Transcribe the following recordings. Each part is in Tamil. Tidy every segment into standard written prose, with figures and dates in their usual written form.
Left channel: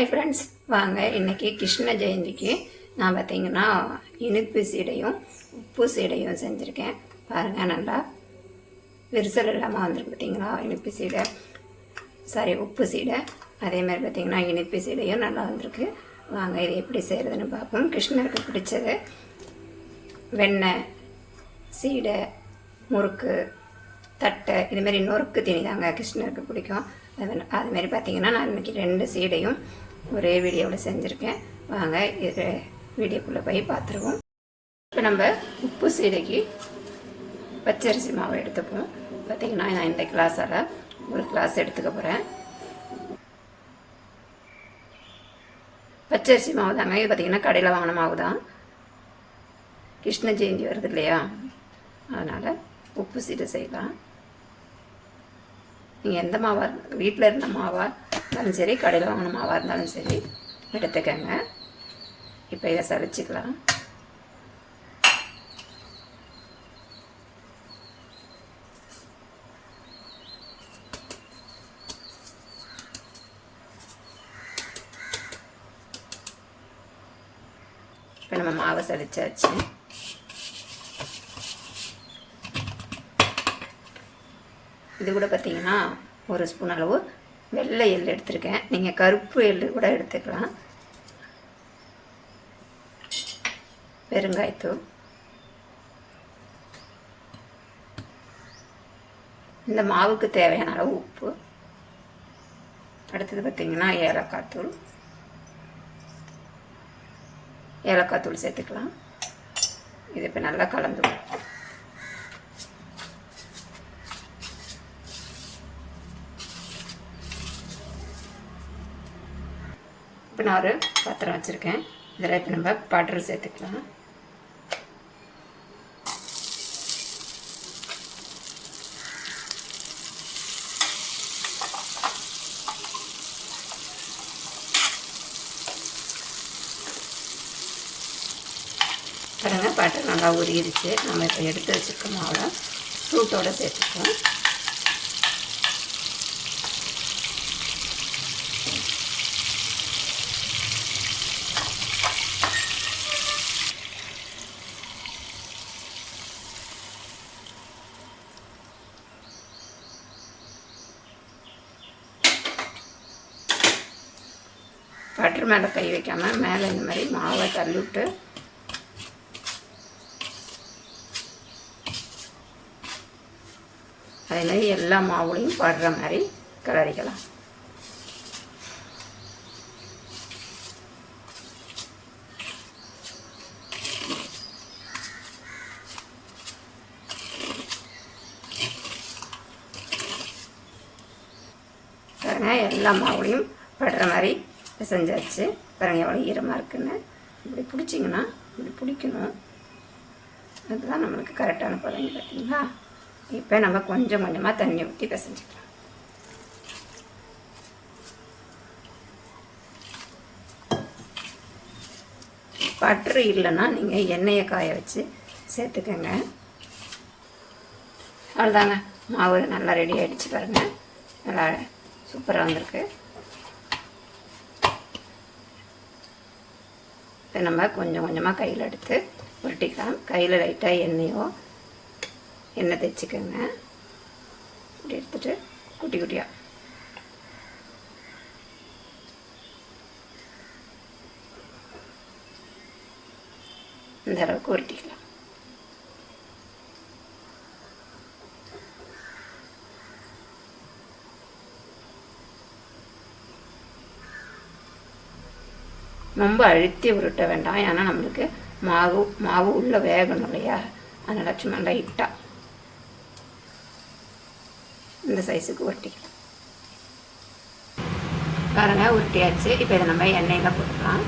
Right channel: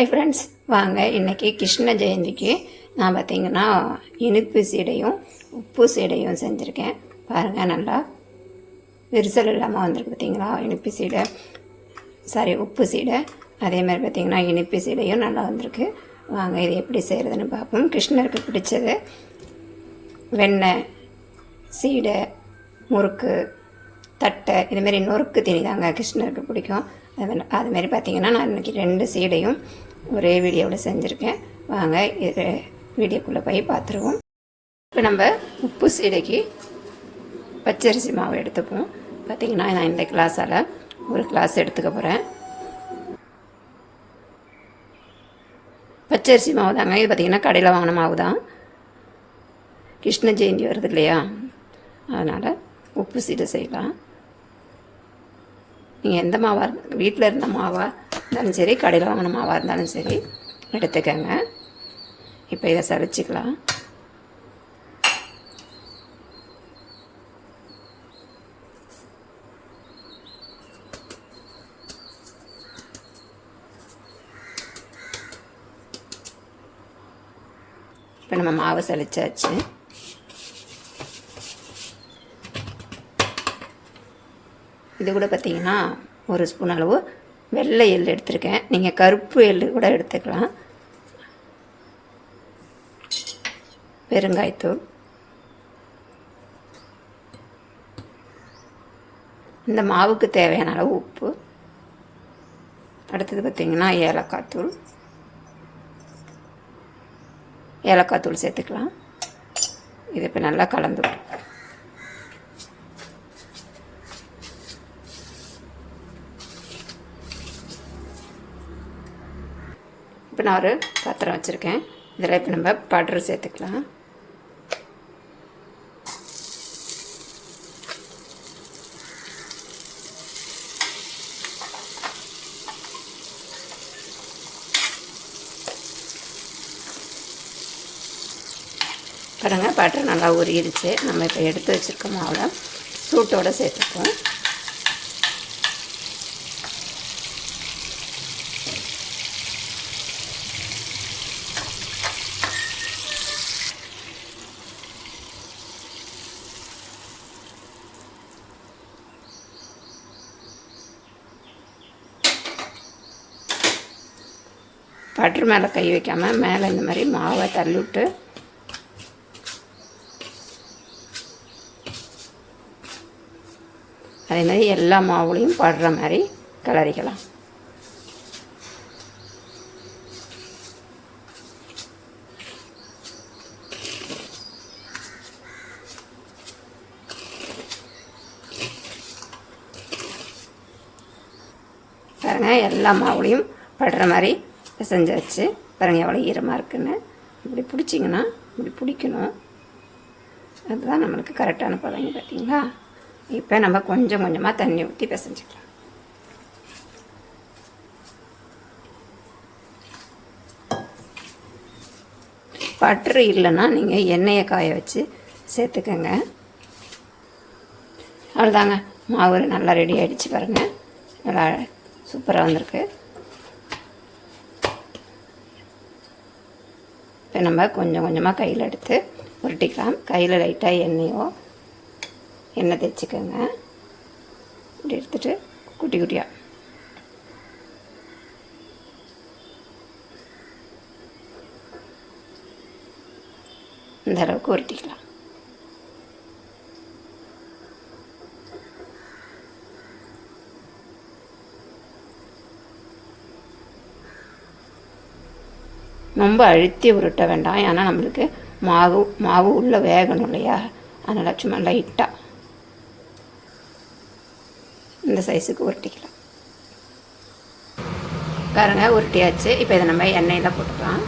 ஹாய் ஃப்ரெண்ட்ஸ், வாங்க இன்றைக்கி கிருஷ்ண ஜெயந்திக்கு நான் பார்த்திங்கன்னா இனிப்பு சீடையும் உப்பு சீடையும் செஞ்சுருக்கேன். பாருங்கள், நல்லா விரிசல் இல்லாமல் வந்திருக்கு பார்த்திங்களா. இனிப்பு சீடை உப்பு சீடை, அதேமாதிரி பார்த்திங்கன்னா இனிப்பு சீடையும் நல்லா வந்திருக்கு. வாங்க இது எப்படி செய்கிறதுன்னு பார்ப்போம். கிருஷ்ணருக்கு பிடிச்சது வெண்ணெய், சீடை, முறுக்கு, தட்டை, இதுமாரி நொறுக்கு தீனி தாங்க கிருஷ்ணருக்கு பிடிக்கும். அதுமாரி பார்த்திங்கன்னா நான் இன்றைக்கி 2 சீடையும் ஒரே வீடியோவில் செஞ்சுருக்கேன். வாங்க இது வீடியோக்குள்ளே போய் பார்த்துருவோம். இப்போ நம்ம உப்பு சீடைக்கு பச்சரிசி மாவு எடுத்துப்போம். பார்த்திங்கன்னா நான் இந்த கிளாஸால் ஒரு கிளாஸ் எடுத்துக்க போகிறேன். பச்சரிசி மாவு தாங்க இது. பார்த்திங்கன்னா கடையில் வாங்கின மாவு தான். கிருஷ்ண ஜெயந்தி வருது இல்லையா, அதனால் உப்பு சீடை செய்யலாம். நீங்கள் எந்த மாவாக வீட்டில் இருந்த மாவாக இருந்தாலும் சரி, கடையில் வாங்கின மாவாக இருந்தாலும் சரி எடுத்துக்கங்க. இப்போ இதை சளிச்சிக்கலாம். இப்போ நம்ம மாவு சளிச்சாச்சு. இது கூட பார்த்திங்கன்னா 1 ஸ்பூன் அளவு வெள்ளை எள் எடுத்துருக்கேன். நீங்கள் கருப்பு எள் கூட எடுத்துக்கலாம். பெருங்காயத்தூள், இந்த மாவுக்கு தேவையான அளவு உப்பு, அடுத்தது பார்த்திங்கன்னா ஏலக்காய் தூள் சேர்த்துக்கலாம். இது இப்போ நல்லா கலந்துடும். இப்போ நான் ஒரு பாத்திரம் வச்சுருக்கேன். இதில் இப்போ நம்ம பட்டர் சேர்த்துக்கலாம். பாருங்கள், பட்டர் நல்லா உருகிடுச்சு. நம்ம இப்போ எடுத்து வச்சுருக்க மாவோட சூட்டோடு சேர்த்துப்போம். பட்டர் மேலே கை வைக்காமல் மேலே இந்த மாதிரி மாவை தள்ளிவிட்டு அதே மாதிரி எல்லா மாவுலையும் படுற மாதிரி கிளறிக்கலாம். பாருங்கள், எல்லா மாவுலையும் படுற மாதிரி செஞ்சாச்சு. பாருங்கள் எவ்வளோ ஈரமாக இருக்குன்னு. இப்படி பிடிச்சிங்கன்னா இப்படி பிடிக்கணும். அதுதான் நம்மளுக்கு கரெக்டான பதங்க. பார்த்தீங்களா? இப்போ நம்ம கொஞ்சம் கொஞ்சமாக தண்ணி ஊற்றி பிசைஞ்சிக்கலாம். பட்டர் இல்லைன்னா நீங்கள் எண்ணெயை காய வச்சு சேர்த்துக்கங்க. அவ்வளோதாங்க, மாவு நல்லா ரெடி ஆகிடுச்சு. பாருங்கள், நல்லா சூப்பராக வந்திருக்கு. இப்போ நம்ம கொஞ்சம் கொஞ்சமாக கையில் எடுத்து உருட்டிக்கலாம். கையில் லைட்டாக எண்ணெய் தேய்ச்சிக்கோங்க. இப்படி எடுத்துகிட்டு குட்டி குட்டியாக இந்த அளவுக்கு உருட்டிக்கலாம். ரொம்ப அழுத்தி உருட்ட வேண்டாம், ஏன்னா நம்மளுக்கு மாவு உள்ளே வேகணும் இல்லையா, அதனால் சும்மா லைட்டாக இந்த சைஸுக்கு உருட்டிக்கலாம். பாருங்க, உருட்டியாச்சு. இப்போ இதை நம்ம எண்ணெயில் போட்டுக்கலாம்.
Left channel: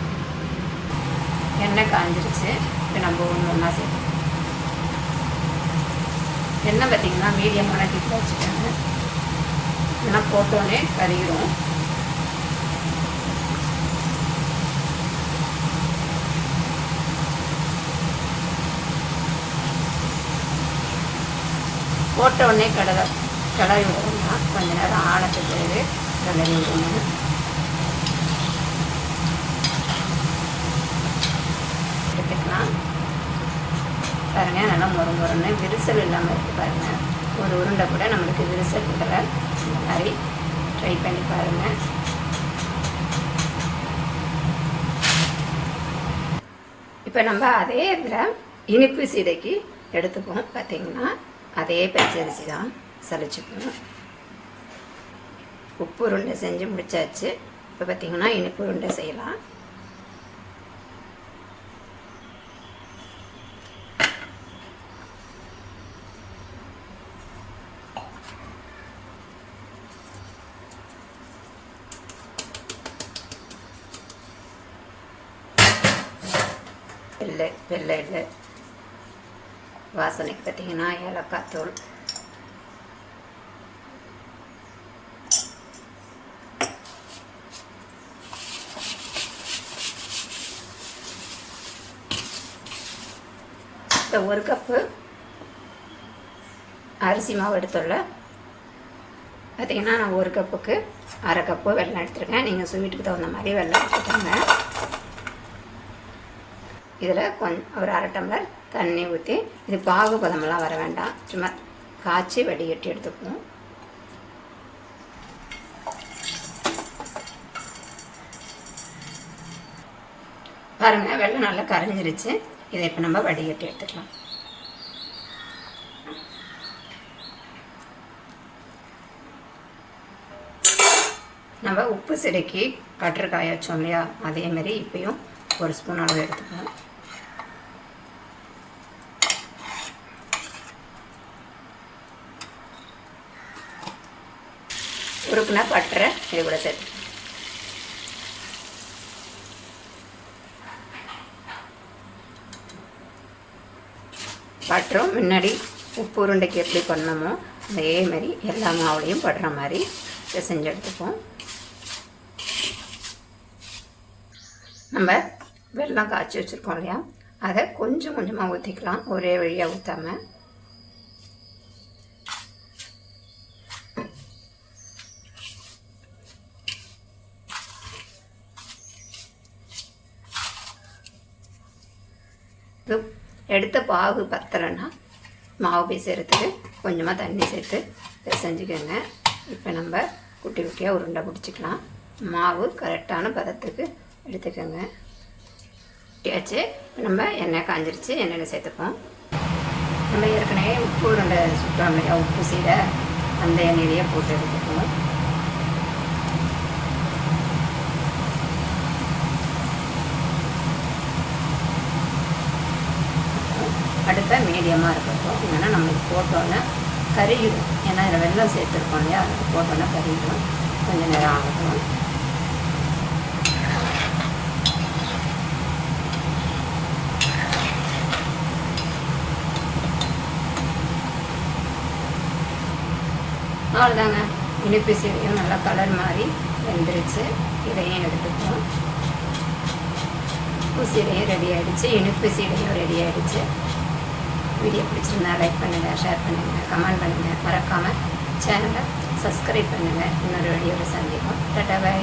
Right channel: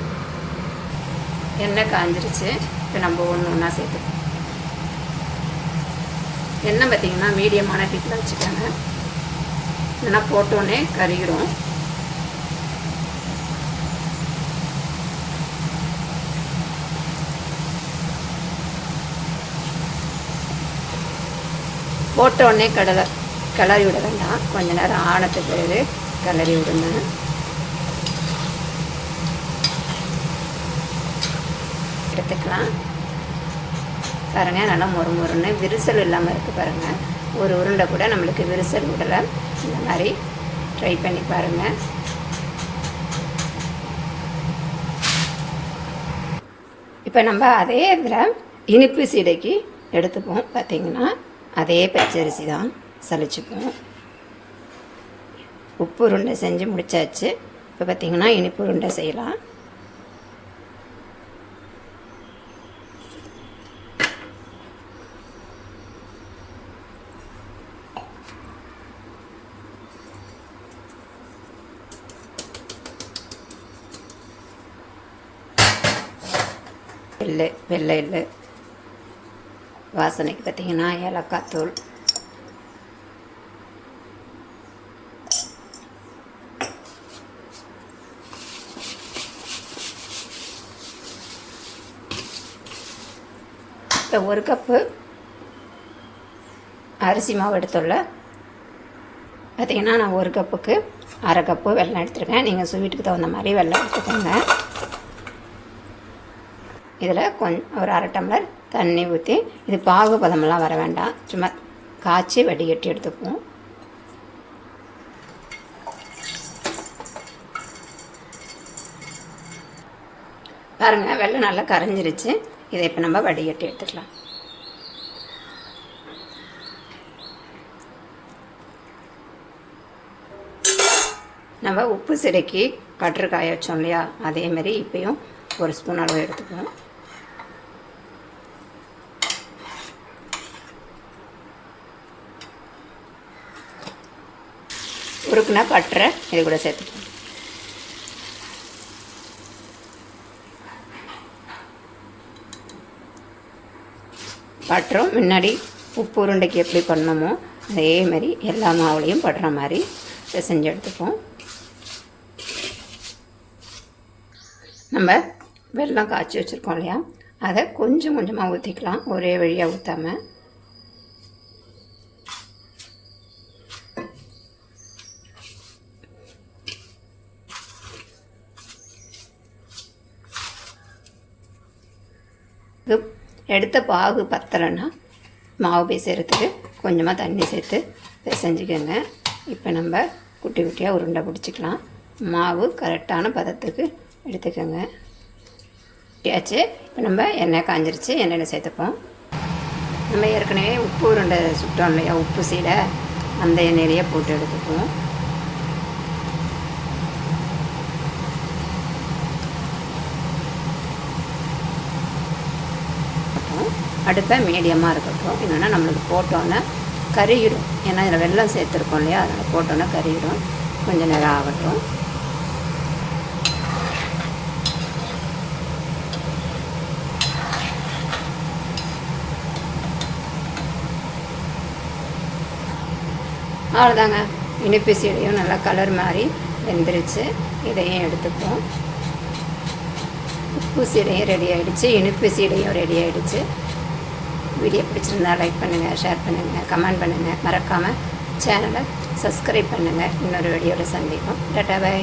எண்ணெய் காஞ்சிருச்சு. இப்போ நம்ம ஒன்றா சேர்த்துக்கலாம். எண்ணெய் பார்த்திங்கன்னா மீடியமான தீக்கில் வச்சுக்கோங்க, இல்லைன்னா போட்டோன்னே கறிகிடும். போட்ட உடனே கிளறி விட வேண்டாம். கொஞ்ச நேரம் ஆனத்துக்கு கிளறி விடுங்க. எடுத்துக்கலாம். பாருங்கள், நல்லா முறுமுறுன்னு விரிசல் இல்லாமல் இருக்குது பாருங்கள். ஒரு உருண்டை கூட நம்மளுக்கு விரிசல் விடலை. இந்த மாதிரி ட்ரை பண்ணி பாருங்கள். இப்போ நம்ம அதே இதில் இனிப்பு சீடைக்கு எடுத்துப்போம். பார்த்திங்கன்னா அதே பச்சரிசி தான் சலிச்சுப்போம். உப்பு உருண்டை செஞ்சு முடித்தாச்சு. இப்போ பார்த்திங்கன்னா இனிப்பு உருண்டை செய்யலாம். வெள்ளை எள்ளு வாசனைக்கு பார்த்திங்கன்னா ஏலக்காய் தூள், இப்போ 1 கப்பு அரிசி மாவு எடுத்துள்ள. பார்த்திங்கன்னா நான் 1 கப்புக்கு 1/2 கப்பு வெல்லம் எடுத்துருக்கேன். நீங்கள் ஸ்வீட்டுக்கு தகுந்த மாதிரி வெல்லம் எடுத்துக்கோங்க. இதில் ஒரு 1/2 டம்ளர் தண்ணி ஊற்றி, இது பாகு பதமெல்லாம் வர வேண்டாம், சும்மா காய்ச்சி வடிகட்டி எடுத்துக்குவோம். பாருங்கள், வெல்லம் நல்லா கரைஞ்சிருச்சு. இதை இப்போ நம்ம வடிகட்டி எடுத்துக்கலாம். நம்ம உப்பு சிடைக்கு கற்று காய வச்சோம் இல்லையா, அதேமாரி இப்போயும் 1 ஸ்பூன் அளவு எடுத்துக்குவோம். உருக்குனா பட்டரை இது கூட சேர்த்துக்கணும். பட்டரும் முன்னாடி உப்பு உருண்டைக்கு எப்படி பண்ணமோ அதே மாதிரி எல்லா மாவுலையும் படுற மாதிரி செஞ்சு எடுத்துப்போம். நம்ம வெல்லம் காய்ச்சி வச்சுருக்கோம் இல்லையா, அதை கொஞ்சம் கொஞ்சமாக ஊற்றிக்கலாம், ஒரே வழியாக ஊற்றாமல். இது எடுத்த பாகு பத்தலைன்னா மாவு பிசைறதுக்கு கொஞ்சமாக தண்ணி சேர்த்து பிசைஞ்சுக்கோங்க. இப்போ நம்ம குட்டி குட்டியாக உருண்டை பிடிச்சிக்கலாம். மாவு கரெக்டான பதத்துக்கு எடுத்துக்கோங்க. குட்டியாச்சு. இப்போ நம்ம எண்ணெய் காஞ்சிருச்சு, எண்ணெயில் சேர்த்துப்போம். நம்ம ஏற்கனவே உப்பு உருண்டை சுட்டோம் இல்லையா, உப்பு சீடை, அந்த எண்ணெயிலேயே போட்டு எடுத்துக்குவோம். அடுப்பை மீடியமாக இருக்கட்டும், இல்லைன்னா நம்மளுக்கு போட்டோன்னே கருகிடும். ஏன்னா இதில் வெல்லம் சேர்த்துருக்கோம் இல்லையா, அதில் போட்டோன்னே கருகிடும். கொஞ்சம் நேரம் ஆகட்டும். அவ்வளோதாங்க, இனிப்பு சீடையும் நல்லா கலர் மாதிரி வெந்துருச்சு. இதையும் எடுத்துப்போம். உப்பு சீடையும் ரெடி ஆகிடுச்சு, இனிப்பு சீடையும் ரெடி ஆகிடுச்சு. வீடியோ பிடிச்சிருந்தா லைக் பண்ணுங்கள், ஷேர் பண்ணுங்கள், கமெண்ட் பண்ணுங்கள். மறக்காமல் சேனலை சப்ஸ்கிரைப் பண்ணுங்கள். இன்னொரு வீடியோவில் சந்திப்போம். டாடா, பை.